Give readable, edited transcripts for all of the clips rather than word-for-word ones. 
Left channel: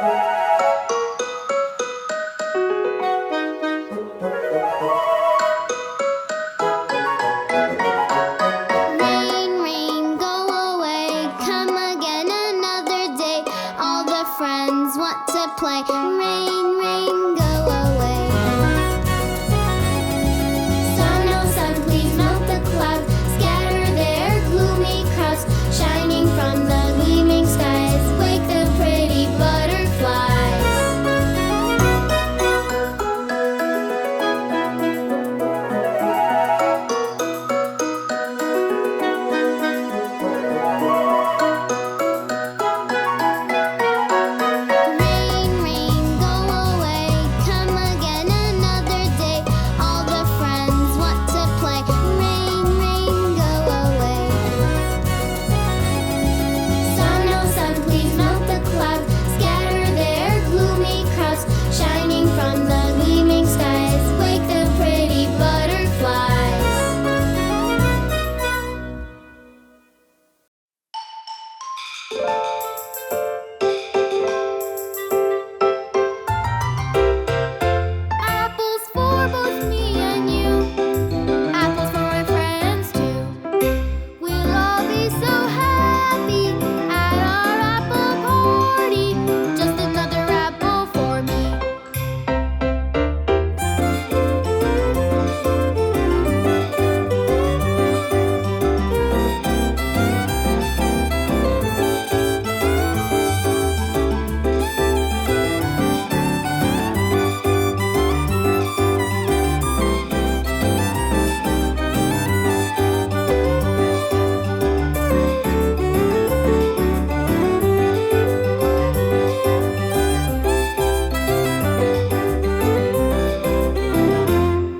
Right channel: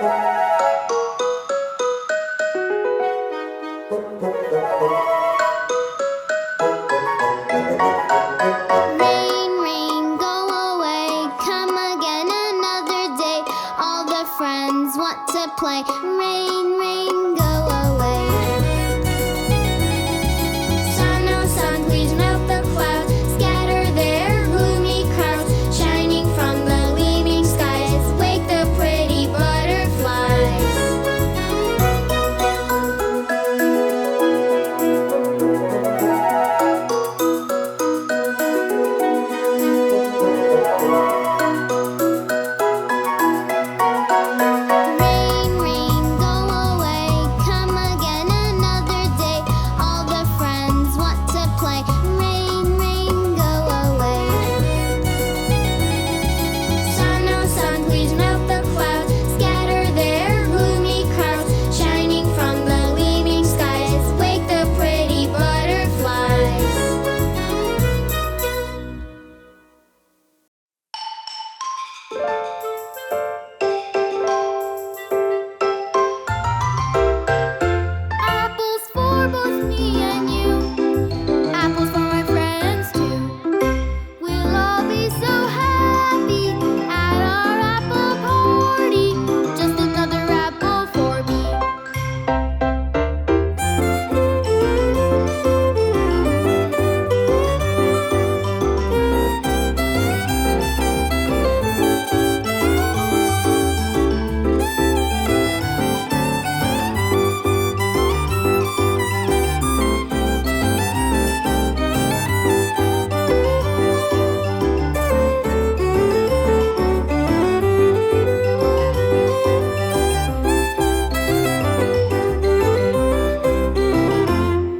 Rain, rain, go away, come again another day. All the friends want to play. Rain, rain, go away. Sun, oh sun, please melt the clouds. Scatter their gloomy crowds. Shining from the gleaming skies. Wake the pretty butterflies. Rain, rain, go away, come again another day. All the friends want to play. Rain, rain, go away. Sun, oh sun, please melt the clouds. Scatter their gloomy crowds. Shining from the gleaming skies. Wake the pretty butterflies. Apples for both me and you. Apples for my friends too. We'll all be so happy at our apple party. Just another apple for me.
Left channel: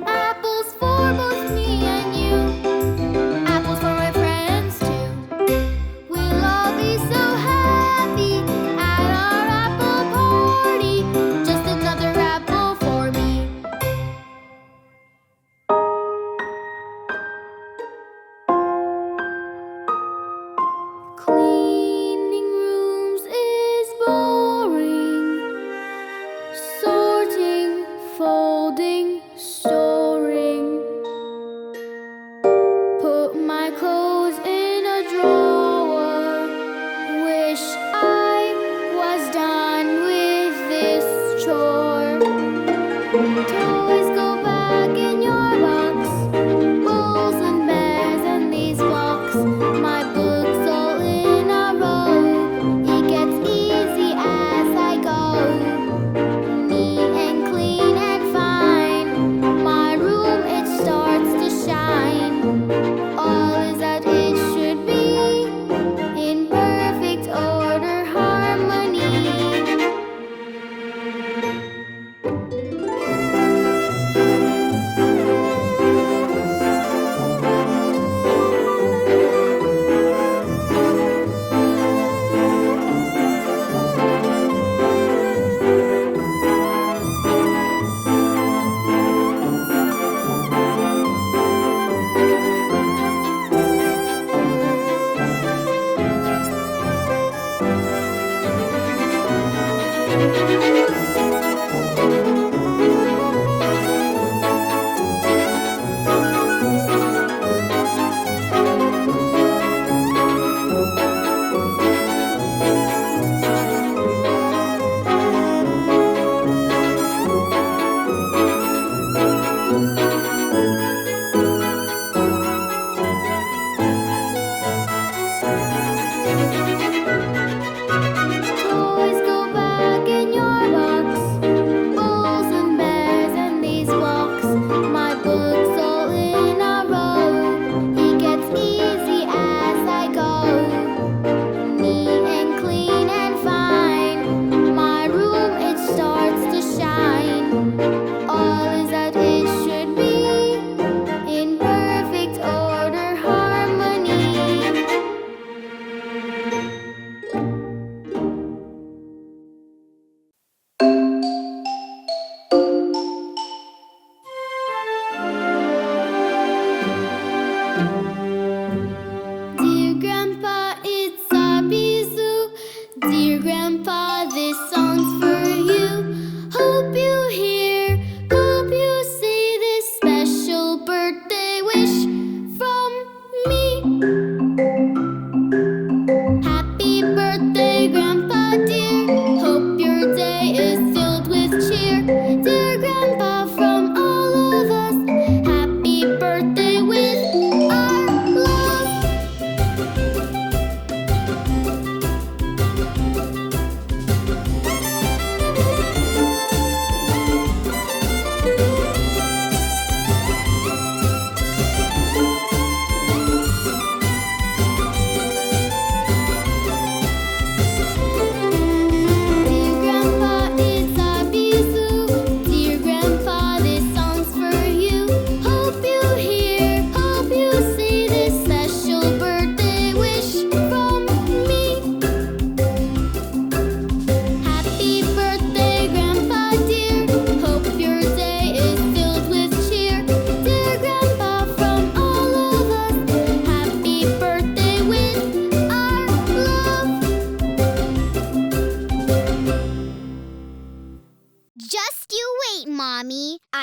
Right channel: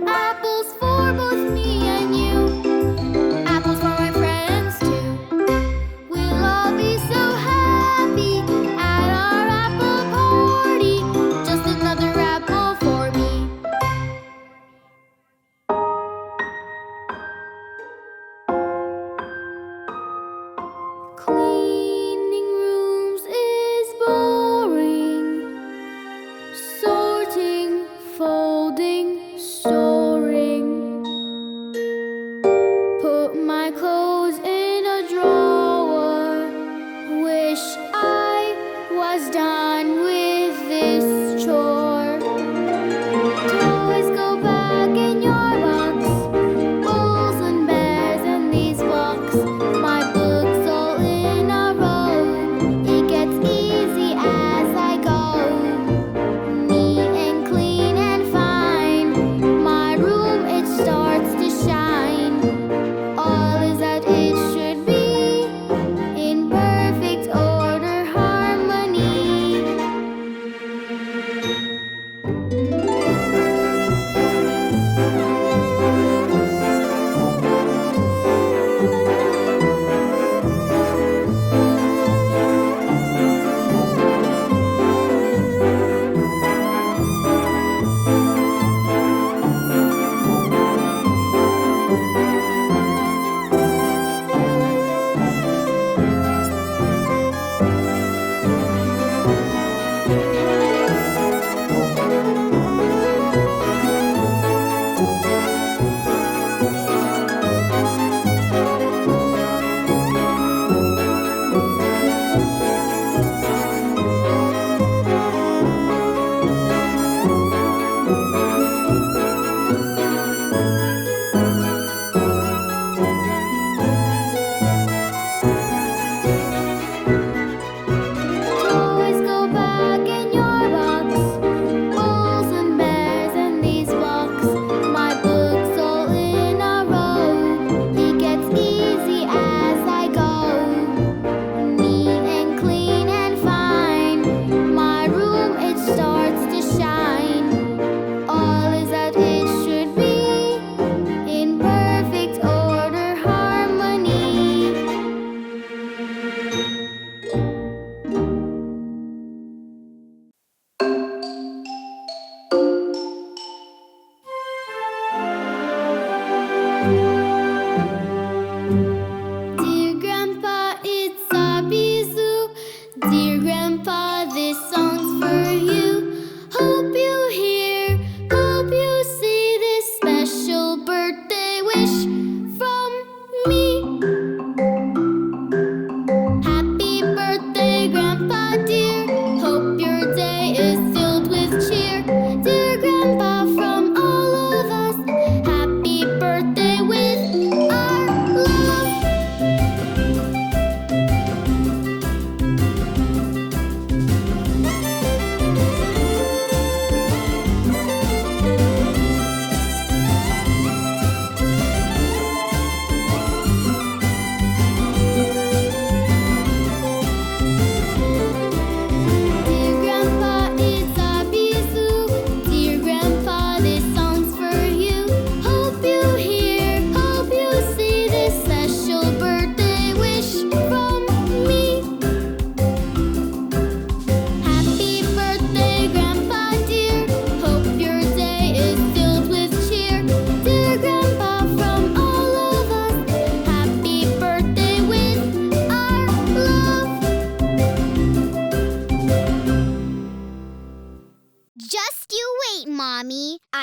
Apples for both me and you. Apples for my friends too. We'll all be so happy at our apple party. Just another apple for me. Cleaning rooms is boring. Sorting, folding, storing. Put my clothes in a drawer. Wish I was done with this chore. Toys go back in your box. Bulls and bears and these blocks. My books all in a row. It gets easy as I go. Neat and clean and fine. My room, it starts to shine. All is as it should be. In perfect order, harmony. Toys go back in your box. Bulls and bears and these blocks. My books all in a row. It gets easy as I go. Neat and clean and fine. My room, it starts to shine. All is as it should be. In perfect order, harmony. Dear Grandpa, it's Zabezoo. Dear Grandpa, this song's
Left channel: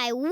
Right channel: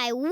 I will